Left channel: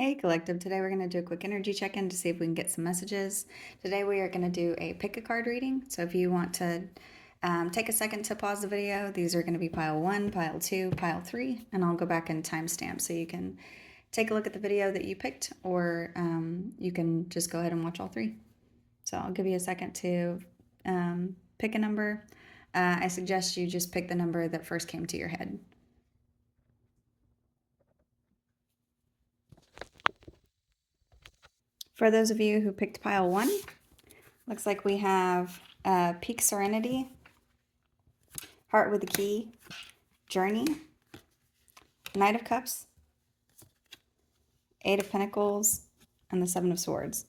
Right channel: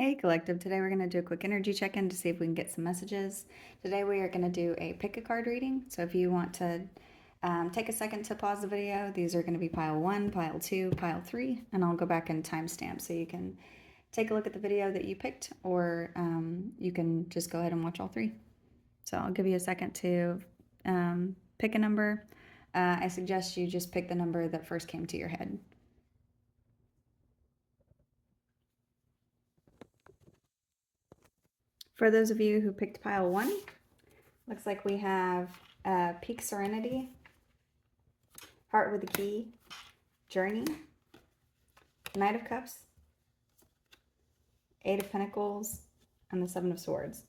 Hey Collective, today we're going to do a quick energy check-in to see if we can get some messages. Today we are going to do a pick a card reading. So if you want to take a second to pause the video, these are going to be pile 1, pile 2, pile 3, and I'll go back and timestamp so you can take a look at the video that you picked, or you can just go ahead and watch all 3. So I'll give you a second to pick a number. I suggest you just pick the number that first came to your head. For those of you who picked pile 1, looks like we have Peak Serenity, Heart with the Key, Journey, Knight of Cups, 8 of Pentacles, and the 7 of Swords.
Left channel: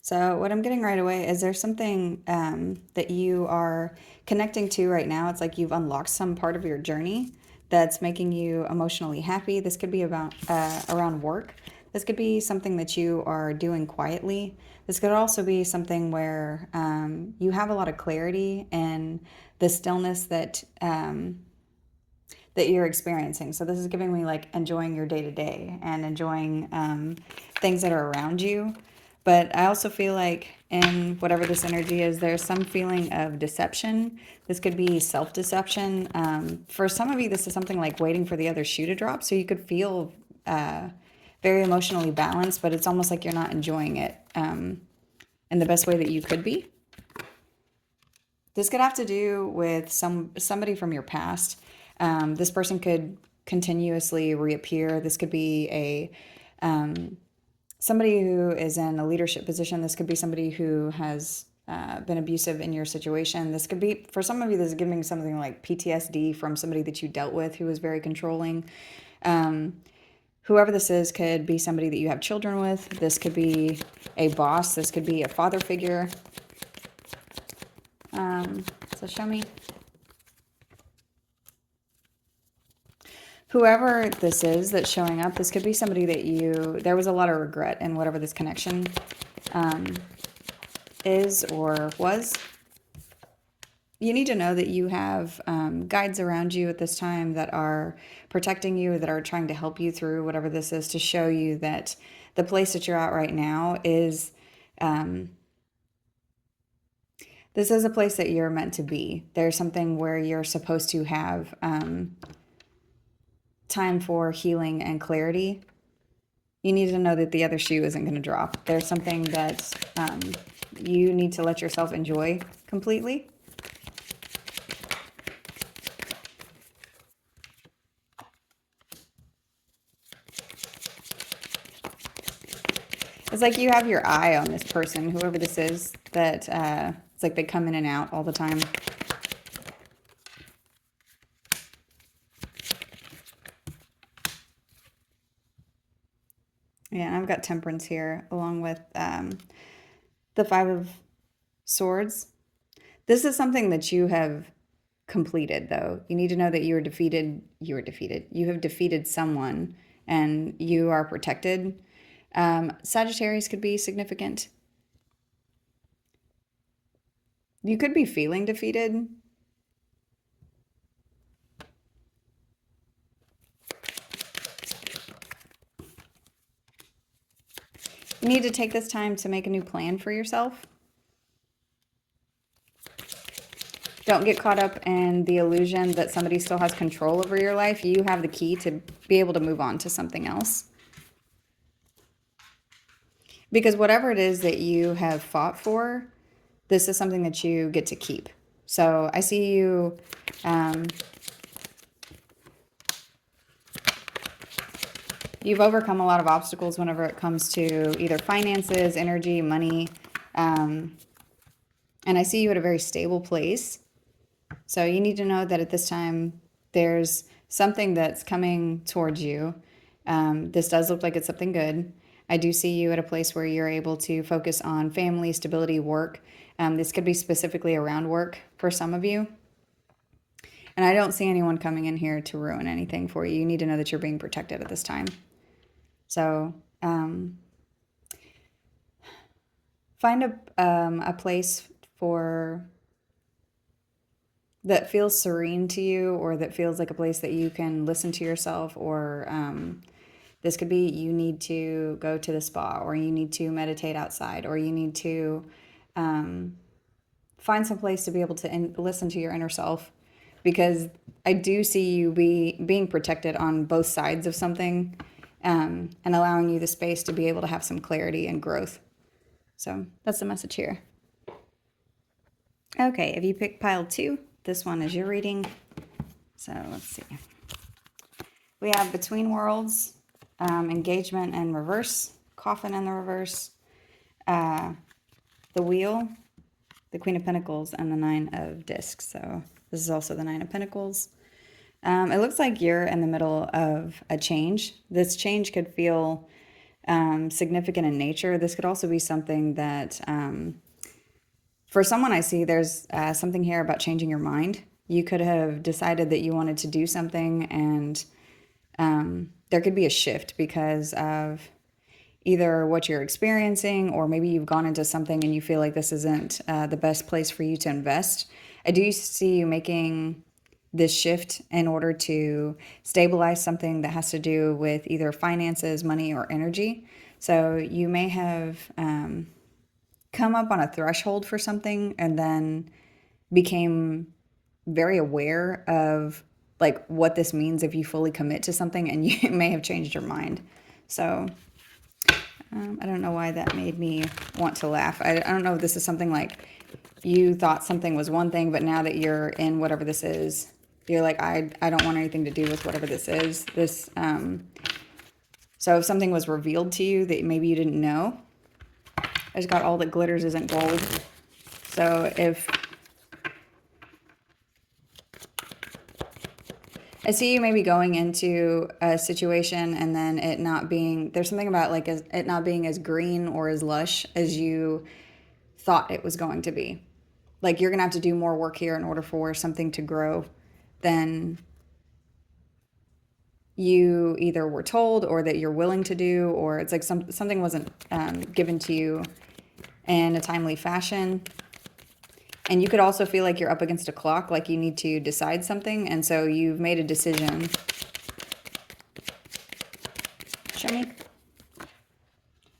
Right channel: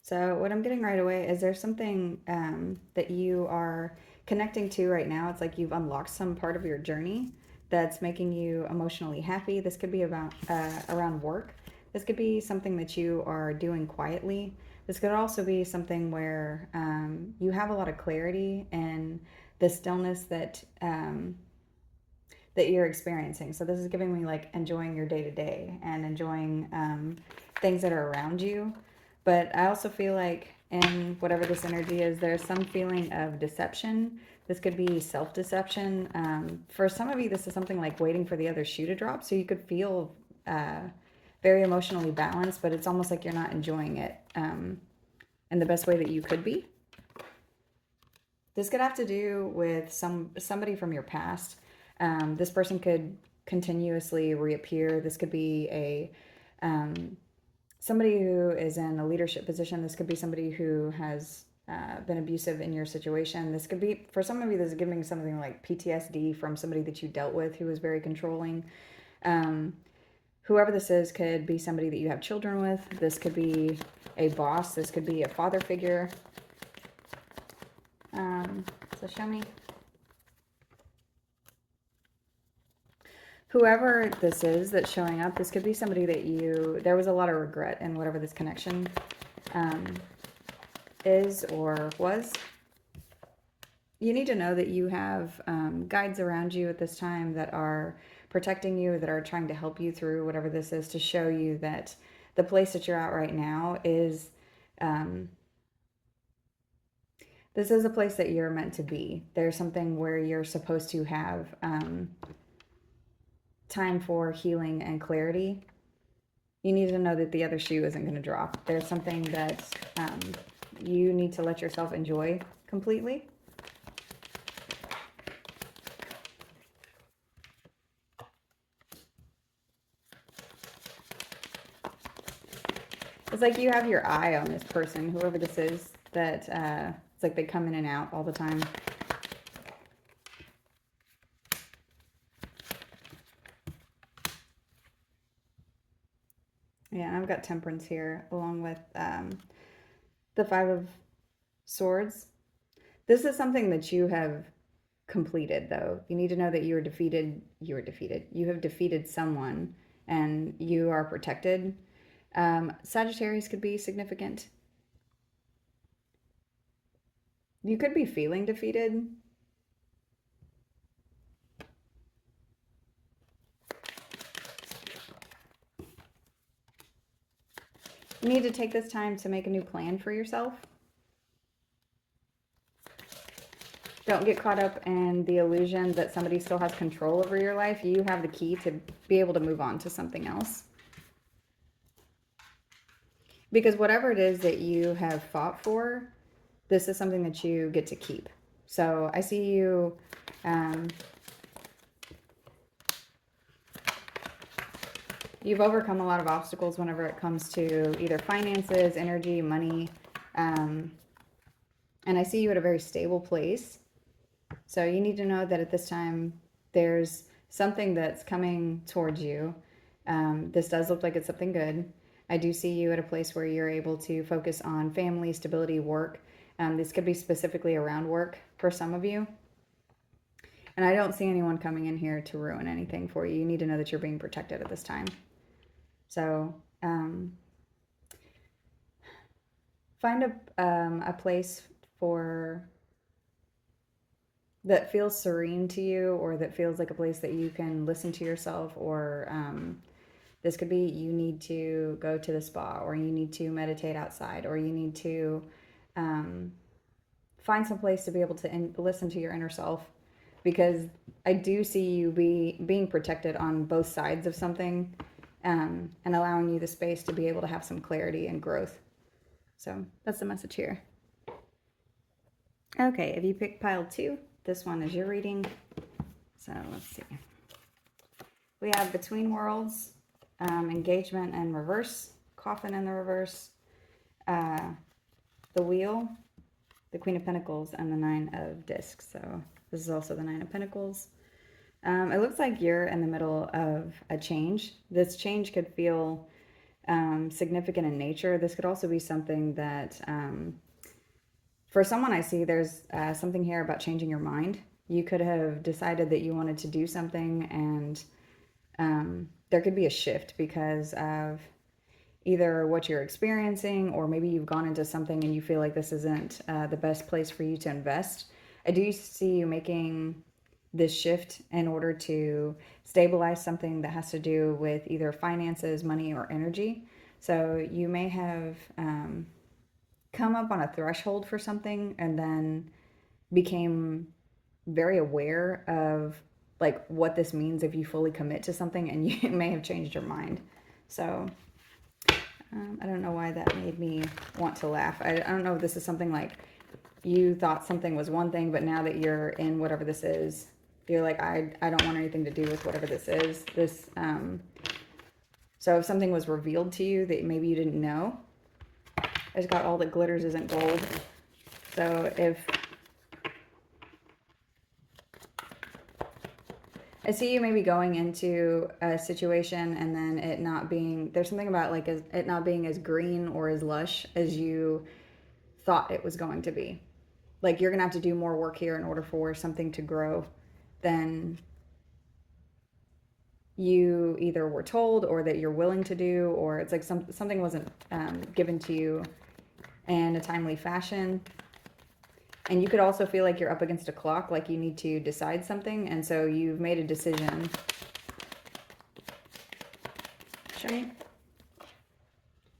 So what I'm getting right away is there's something that you are connecting to right now. It's like you've unlocked some part of your journey that's making you emotionally happy. This could be about around work. This could be something that you are doing quietly. This could also be something where you have a lot of clarity and the stillness that that you're experiencing. So this is giving me like enjoying your day-to-day and enjoying things that are around you. But I also feel like in whatever this energy is, there's some feeling of deception. This could be self-deception. For some of you, this is something like waiting for the other shoe to drop. So you could feel very emotionally balanced, but it's almost like you're not enjoying it in the best way that you could be. This could have to do with somebody from your past. This person could continuously reappear. This could be a somebody who is in a leadership position. This could be somebody who has been abusive in your situation. This could be, for some of you, this is giving something like PTSD from somebody that you dealt with who was very controlling. Whoever this is could be somebody that you have children with. This could be a boss. This could be a father figure. So show me. Whoever this is that's showing up, this could be somebody that there was a lot of regret in whatever this connection is or was. You need to know that you have guides around you at this time that are protecting you, that are trying to help you through whatever this is, to show you that the place that you're at right now is, this is a place that you're meant to be. There's something where you're supposed to have time for healing and clarity. You need to know that the other shoe isn't going to drop. There's something that you need to let yourself enjoy completely. It's like you have your eye on this person, whoever this is, that it's like they come in and out all the time. Yeah, I've got Temperance here along with the 5 of Swords. This is something that you have completed, though. You need to know that you are defeated. You are defeated. You have defeated someone and you are protected. Sagittarius could be significant. You could be feeling defeated. You need to take this time to make a new plan for yourself. Don't get caught up in the illusion that somebody still has control over your life. You have the key to be able to move on to something else. Because whatever it is that you have fought for, this is something that you get to keep. So I see you you've overcome a lot of obstacles whenever it comes to either finances, energy, money. And I see you at a very stable place. So you need to know that at this time, there's something that's coming towards you. This does look like it's something good. I do see you at a place where you're able to focus on family, stability, work. This could be specifically around work for some of you. And I don't see anyone coming in here to ruin anything for you. You need to know that you're being protected at this time. So find a place for that feels serene to you, or that feels like a place that you can listen to yourself, or This could be you need to go to the spa, or you need to meditate outside, or you need to find some place to be able to listen to your inner self, because I do see you being protected on both sides of something, and allowing you the space to be able to have some clarity and growth. So that's the message here. Okay, if you pick pile 2, this one is your reading. So let's see. We have Between Worlds, Engagement in reverse, Coffin in the reverse, the Wheel, the Queen of Pentacles, and the Nine of Discs. So this is also the Nine of Pentacles. It looks like you're in the middle of a change. This change could feel significant in nature. This could also be something that, for someone I see, there's something here about changing your mind. You could have decided that you wanted to do something, and there could be a shift because of either what you're experiencing, or maybe you've gone into something and you feel like this isn't the best place for you to invest. I do see you making this shift in order to stabilize something that has to do with either finances, money, or energy. So you may have come up on a threshold for something and then became very aware of like what this means if you fully commit to something, and you may have changed your mind. So I don't know why that made me want to laugh. I don't know if this is something like you thought something was one thing, but now that you're in whatever this is, you're like, I don't want anything to do with whatever this is. This so if something was revealed to you that maybe you didn't know, I just got all that glitters isn't gold. So if I see you maybe going into a situation and then it not being, there's something about like it not being as green or as lush as you thought it was going to be. Like you're going to have to do more work here in order for something to grow than you either were told or that you're willing to do, or it's like something wasn't given to you in a timely fashion. And you could also feel like you're up against a clock, like you need to decide something. And so you've made a decision. Show me.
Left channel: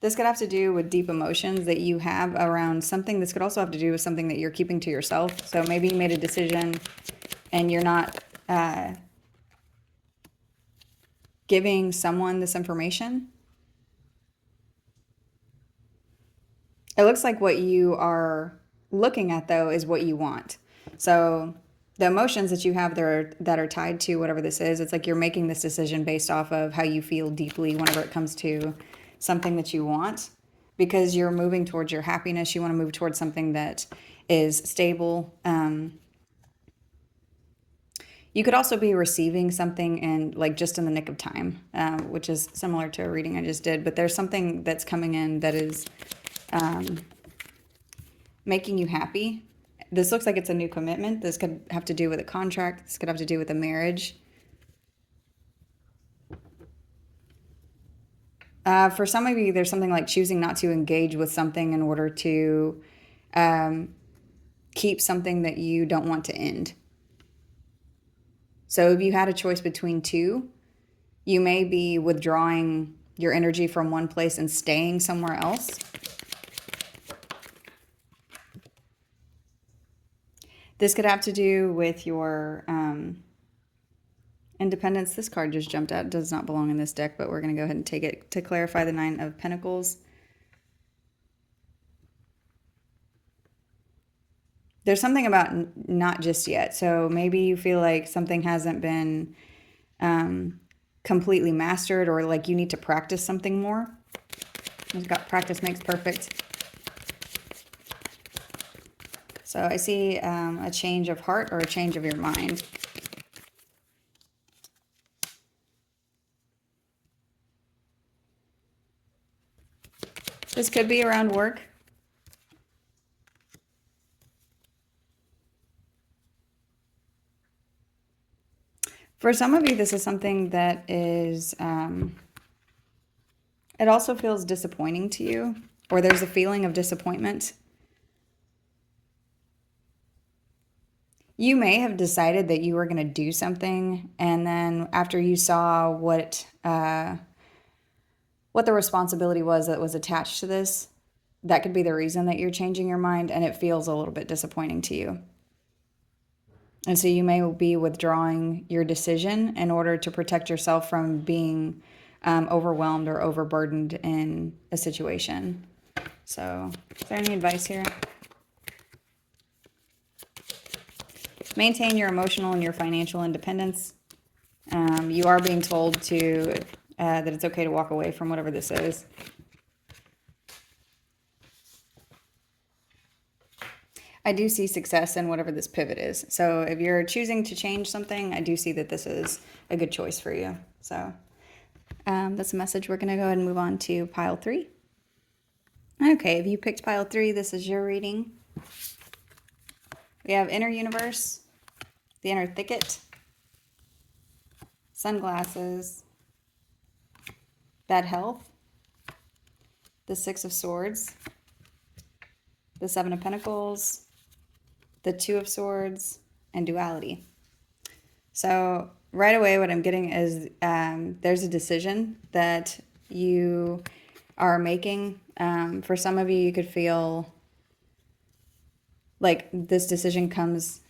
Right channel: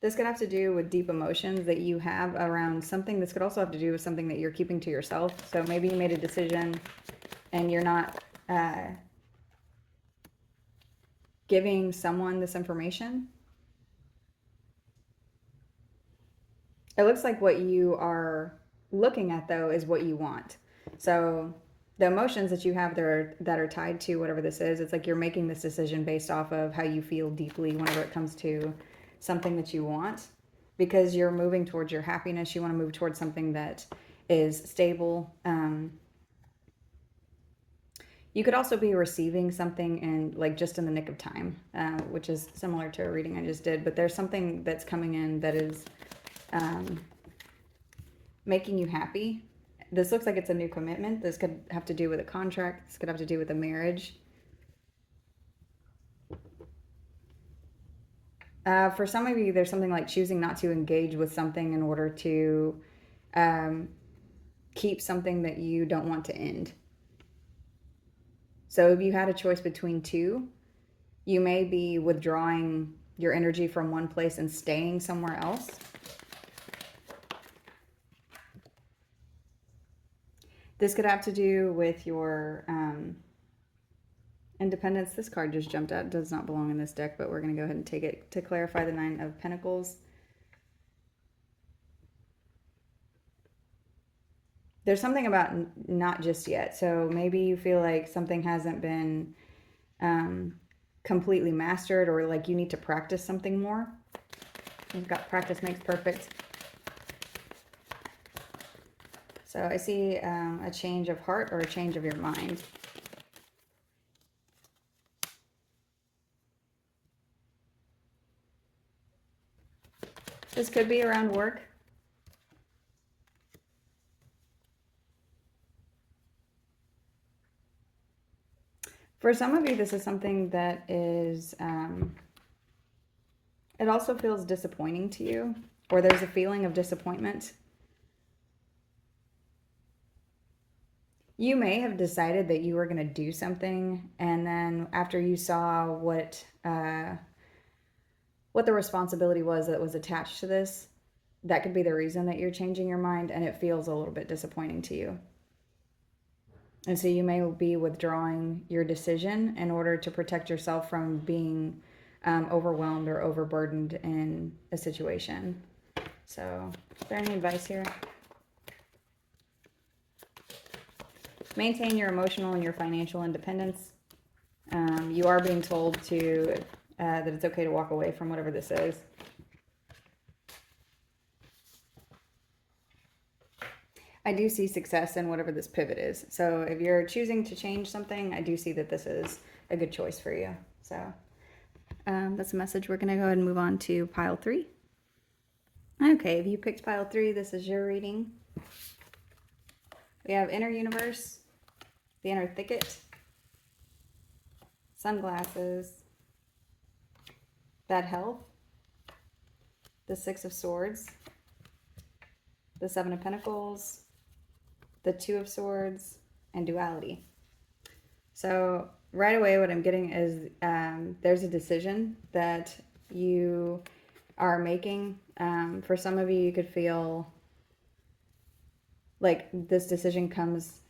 This could have to do with deep emotions that you have around something. This could also have to do with something that you're keeping to yourself. So maybe you made a decision and you're not giving someone this information. It looks like what you are looking at, though, is what you want. So the emotions that you have there that are tied to whatever this is, it's like you're making this decision based off of how you feel deeply whenever it comes to something that you want, because you're moving towards your happiness. You want to move towards something that is stable. You could also be receiving something and like just in the nick of time, which is similar to a reading I just did. But there's something that's coming in that is making you happy. This looks like it's a new commitment. This could have to do with a contract. This could have to do with a marriage. For some of you, there's something like choosing not to engage with something in order to keep something that you don't want to end. So if you had a choice between two, you may be withdrawing your energy from one place and staying somewhere else. This could have to do with your independence. This card just jumped out. It does not belong in this deck, but we're going to go ahead and take it to clarify the Nine of Pentacles. There's something about not just yet. So maybe you feel like something hasn't been completely mastered, or like you need to practice something more. You've got practice makes perfect. So I see a change of heart or a change of your mind. This could be around work. For some of you, this is something that is, it also feels disappointing to you, or there's a feeling of disappointment. You may have decided that you were going to do something, and then after you saw what what the responsibility was that was attached to this. That could be the reason that you're changing your mind, and it feels a little bit disappointing to you. And so you may be withdrawing your decision in order to protect yourself from being overwhelmed or overburdened in a situation. So, is there any advice here? Maintain your emotional and your financial independence. You are being told to that it's okay to walk away from whatever this is. I do see success in whatever this pivot is. So if you're choosing to change something, I do see that this is a good choice for you. So that's a message. We're going to go ahead and move on to pile 3. Okay, if you picked pile 3, this is your reading. We have inner universe, the inner thicket, sunglasses, bad health, the 6 of Swords, the 7 of Pentacles, the 2 of Swords, and duality. So right away what I'm getting is there's a decision that you are making. For some of you, you could feel like this decision comes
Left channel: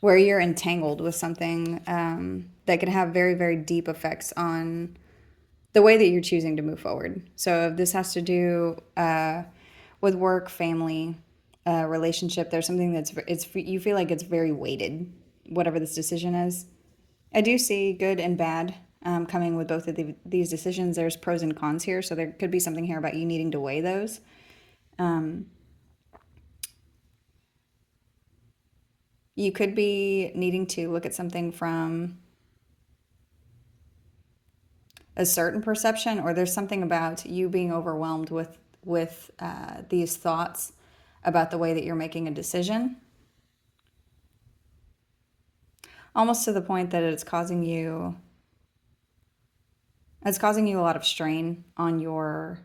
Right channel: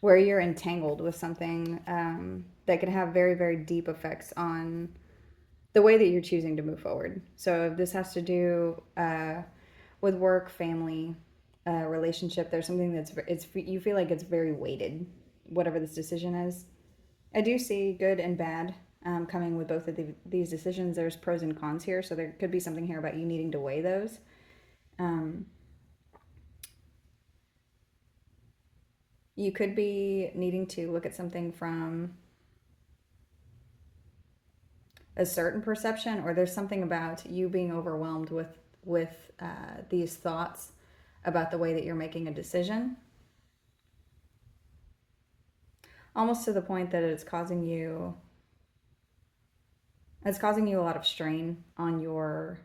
where you're entangled with something that could have very, very deep effects on the way that you're choosing to move forward. So if this has to do with work, family, relationship, there's something you feel like it's very weighted, whatever this decision is. I do see good and bad coming with both of these decisions. There's pros and cons here, so there could be something here about you needing to weigh those. You could be needing to look at something from a certain perception, or there's something about you being overwhelmed with these thoughts about the way that you're making a decision, almost to the point that it's causing you a lot of strain on your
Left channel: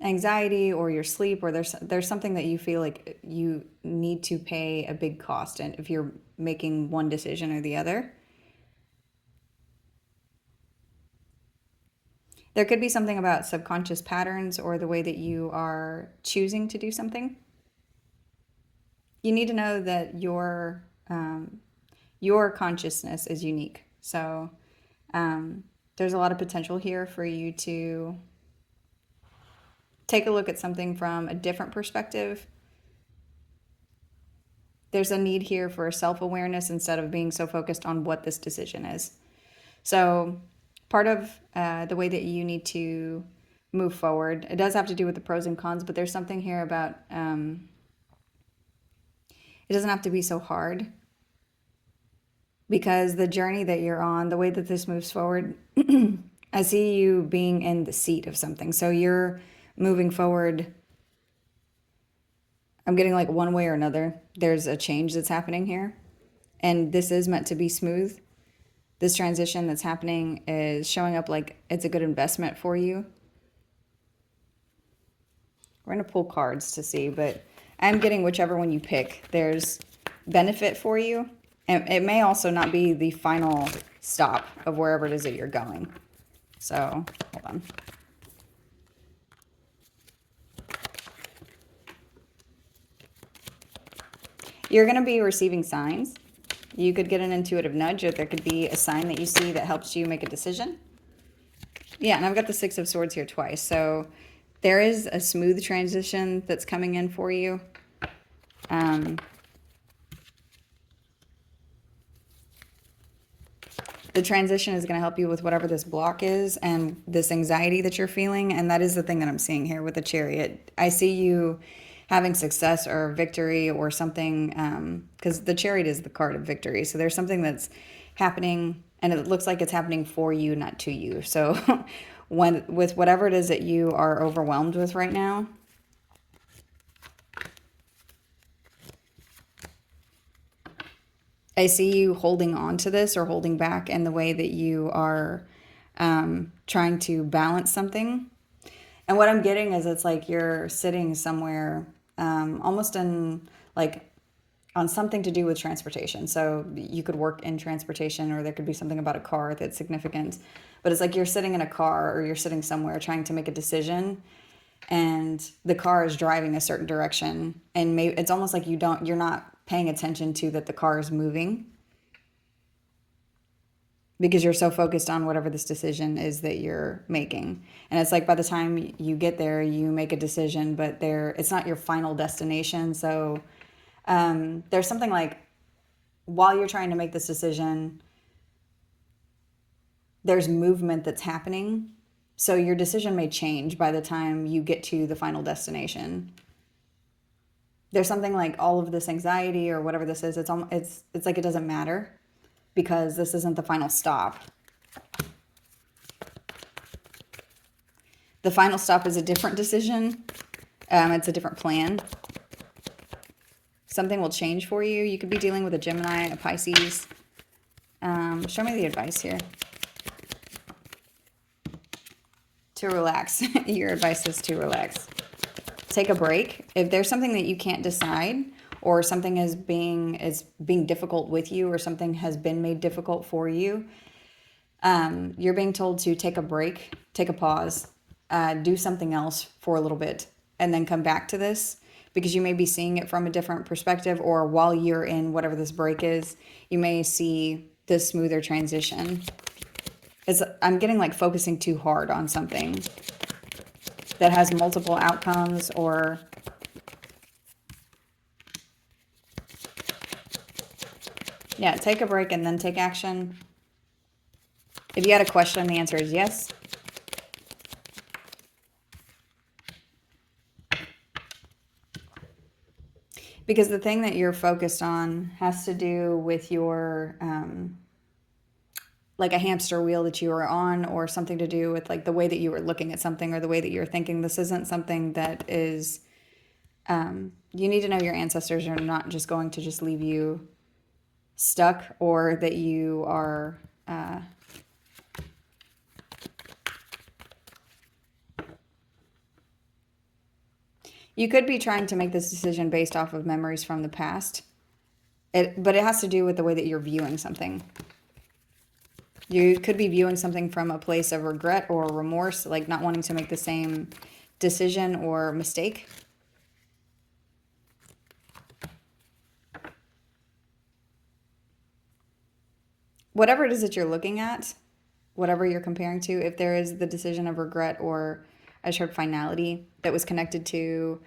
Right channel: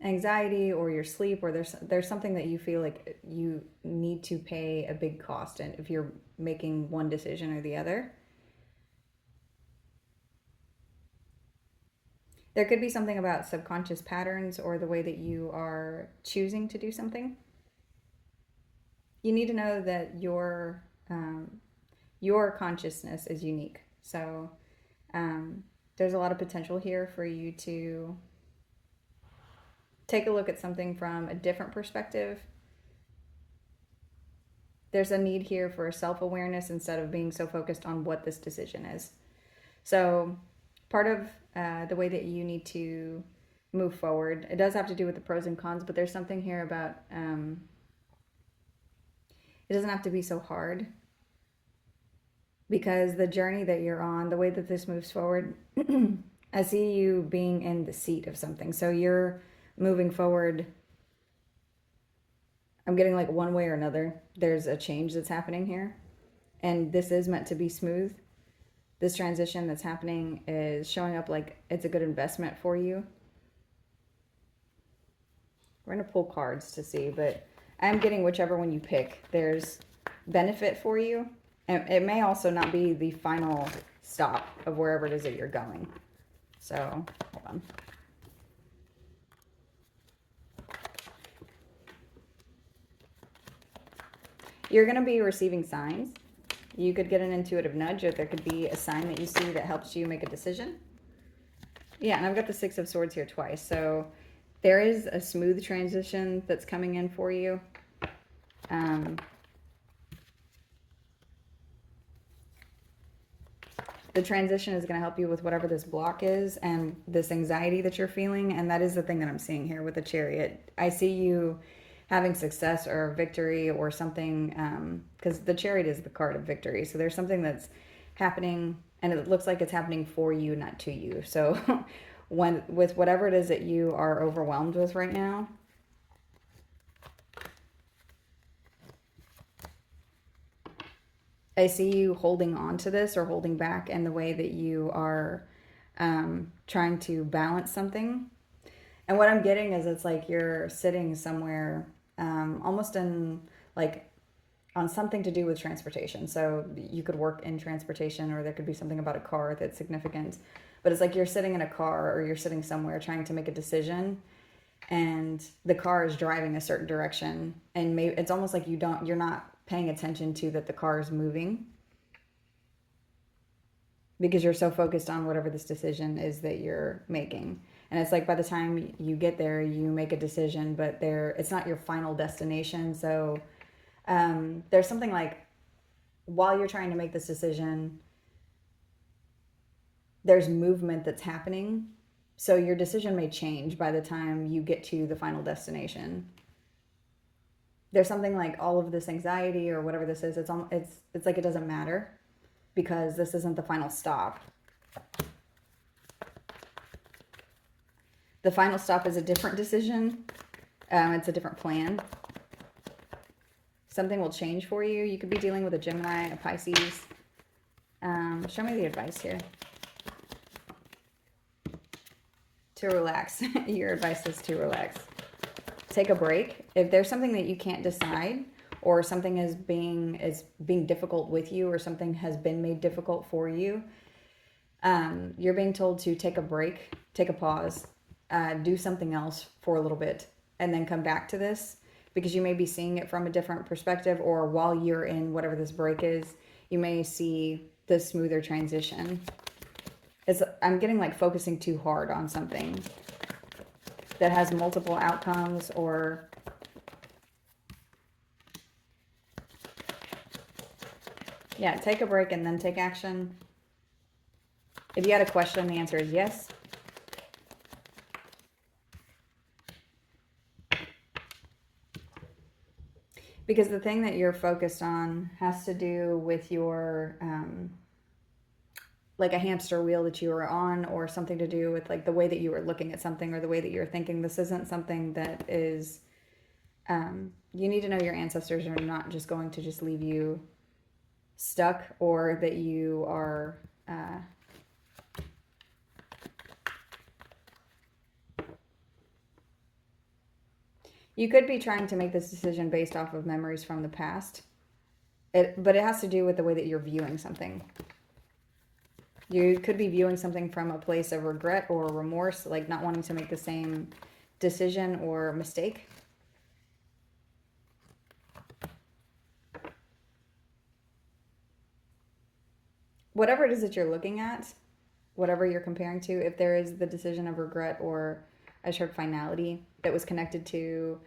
anxiety or your sleep, or there's something that you feel like you need to pay a big cost in if you're making one decision or the other. There could be something about subconscious patterns or the way that you are choosing to do something. You need to know that your consciousness is unique. So there's a lot of potential here for you to take a look at something from a different perspective. There's a need here for self-awareness instead of being so focused on what this decision is. So part of the way that you need to move forward, it does have to do with the pros and cons, but there's something here about it doesn't have to be so hard, because the journey that you're on, the way that this moves forward, I see you being in the seat of something. So you're moving forward. I'm getting like one way or another, there's a change that's happening here. And this is meant to be smooth. This transition that's happening is showing up like it's a good investment for you. We're going to pull cards to see, but I'm getting whichever one you pick, there's benefit for you. And it may also not be the final stop of wherever it is that you're going. So, hold on. You're going to be receiving signs. You could get an intuitive nudge, or there could be a sign that you see that helps you make a decision. Yeah, and I've got the 6 of Swords here twice. So there is a smooth transition that's coming in for you. The transition is going to help you with whatever this block is and this anxiety that you're feeling. And that is the thing that I'm seeing here with the Chariot. I see you having success or victory or something, because the Chariot is the card of victory. So there's something that's happening, and it looks like it's happening for you, not to you. So with whatever it is that you are overwhelmed with right now, I see you holding on to this or holding back in the way that you are trying to balance something. And what I'm getting is it's like you're sitting somewhere almost in like on something to do with transportation. So you could work in transportation, or there could be something about a car that's significant. But it's like you're sitting in a car or you're sitting somewhere trying to make a decision, and the car is driving a certain direction, and maybe it's almost like you're not paying attention to that the car is moving, because you're so focused on whatever this decision is that you're making. And it's like by the time you get there, you make a decision, but it's not your final destination. So there's something like, while you're trying to make this decision, there's movement that's happening. So your decision may change by the time you get to the final destination. There's something like all of this anxiety or whatever this is, it's like it doesn't matter, because this isn't the final stop. The final stop is a different decision. It's a different plan. Something will change for you. You could be dealing with a Gemini, a Pisces. Show me the advice here. To relax. Your advice is to relax. Take a break. If there's something that you can't decide, or something is being difficult with you, or something has been made difficult for you, you're being told to take a break, take a pause, do something else for a little bit, and then come back to this, because you may be seeing it from a different perspective, or while you're in whatever this break is, you may see the smoother transition. I'm getting like focusing too hard on something that has multiple outcomes, or yeah, take a break and then take action. If you had a question, the answer is yes. Because the thing that you're focused on has to do with your, like a hamster wheel that you were on, or something to do with like the way that you were looking at something, or the way that you're thinking. This isn't something that is, you need to know your ancestors are not just going to just leave you stuck, or that you are, you could be trying to make this decision based off of memories from the past. But it has to do with the way that you're viewing something. You could be viewing something from a place of regret or remorse, like not wanting to make the same decision or mistake. Whatever it is that you're looking at, whatever you're comparing to, if there is the decision of regret, or I just heard finality, that was connected to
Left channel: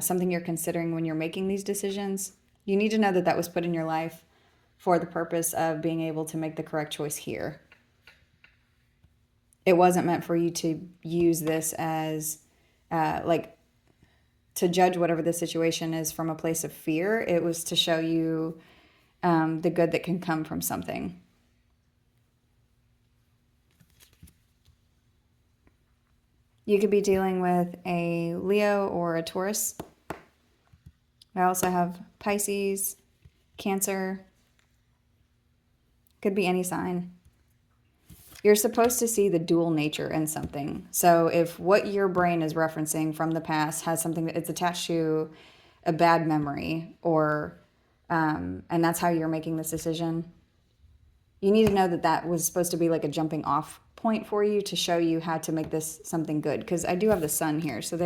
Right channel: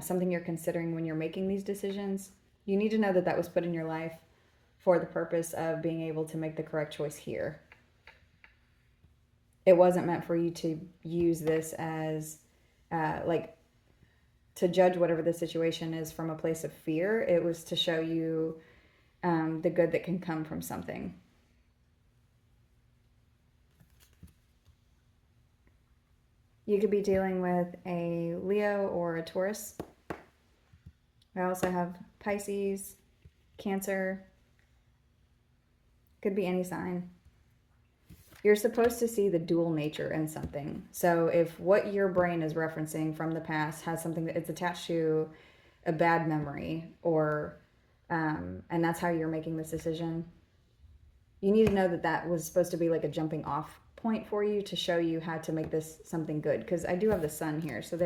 something you're considering when you're making these decisions, you need to know that that was put in your life for the purpose of being able to make the correct choice here. It wasn't meant for you to use this as like to judge whatever the situation is from a place of fear. It was to show you the good that can come from something. You could be dealing with a Leo or a Taurus. I also have Pisces, Cancer. Could be any sign. You're supposed to see the dual nature in something. So if what your brain is referencing from the past has something that it's attached to a bad memory, or and that's how you're making this decision, you need to know that that was supposed to be like a jumping off point for you to show you how to make this something good. Because I do have the sun here, so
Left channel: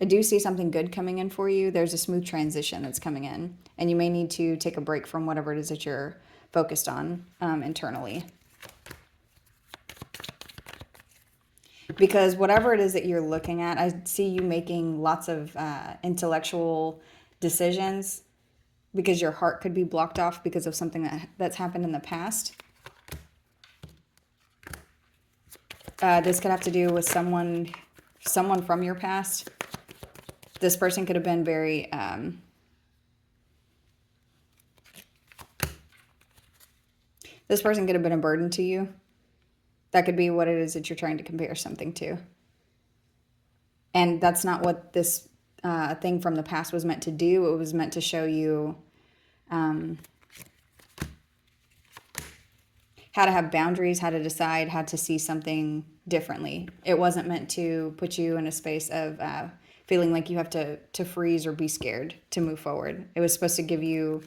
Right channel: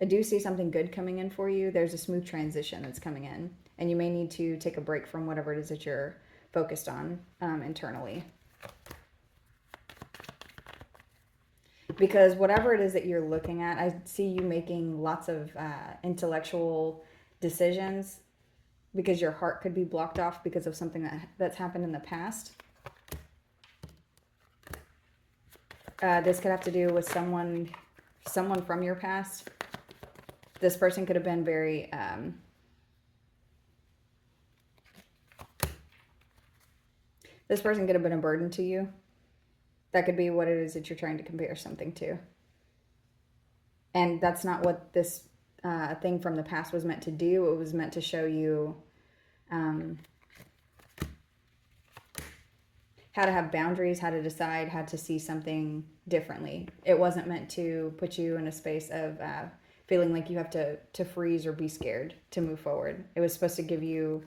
I do see something good coming in for you. There's a smooth transition that's coming in, and you may need to take a break from whatever it is that you're focused on internally. Because whatever it is that you're looking at, I see you making lots of intellectual decisions, because your heart could be blocked off because of something that's happened in the past. This could have to do with someone from your past. This person could have been very this person could have been a burden to you. That could be what it is that you're trying to compare something to. And that's not what this thing from the past was meant to do. It was meant to show you how to have boundaries, how to decide, how to see something differently. It wasn't meant to put you in a space of feeling like you have to freeze or be scared to move forward. It was supposed to give you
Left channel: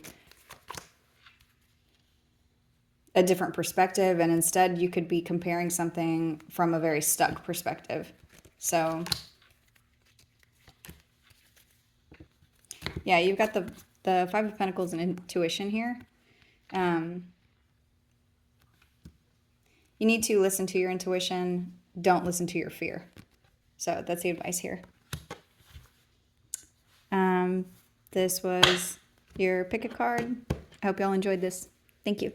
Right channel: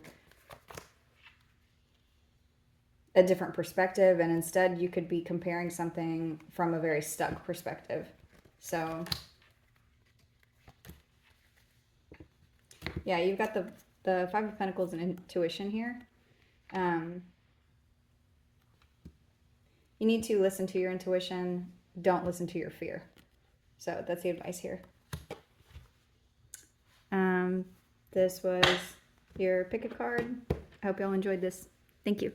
a different perspective, and instead you could be comparing something from a very stuck perspective. So yeah, you've got the Five of Pentacles and intuition here. You need to listen to your intuition. Don't listen to your fear. So that's the advice here. This was your pick a card. I hope y'all enjoyed this. Thank you.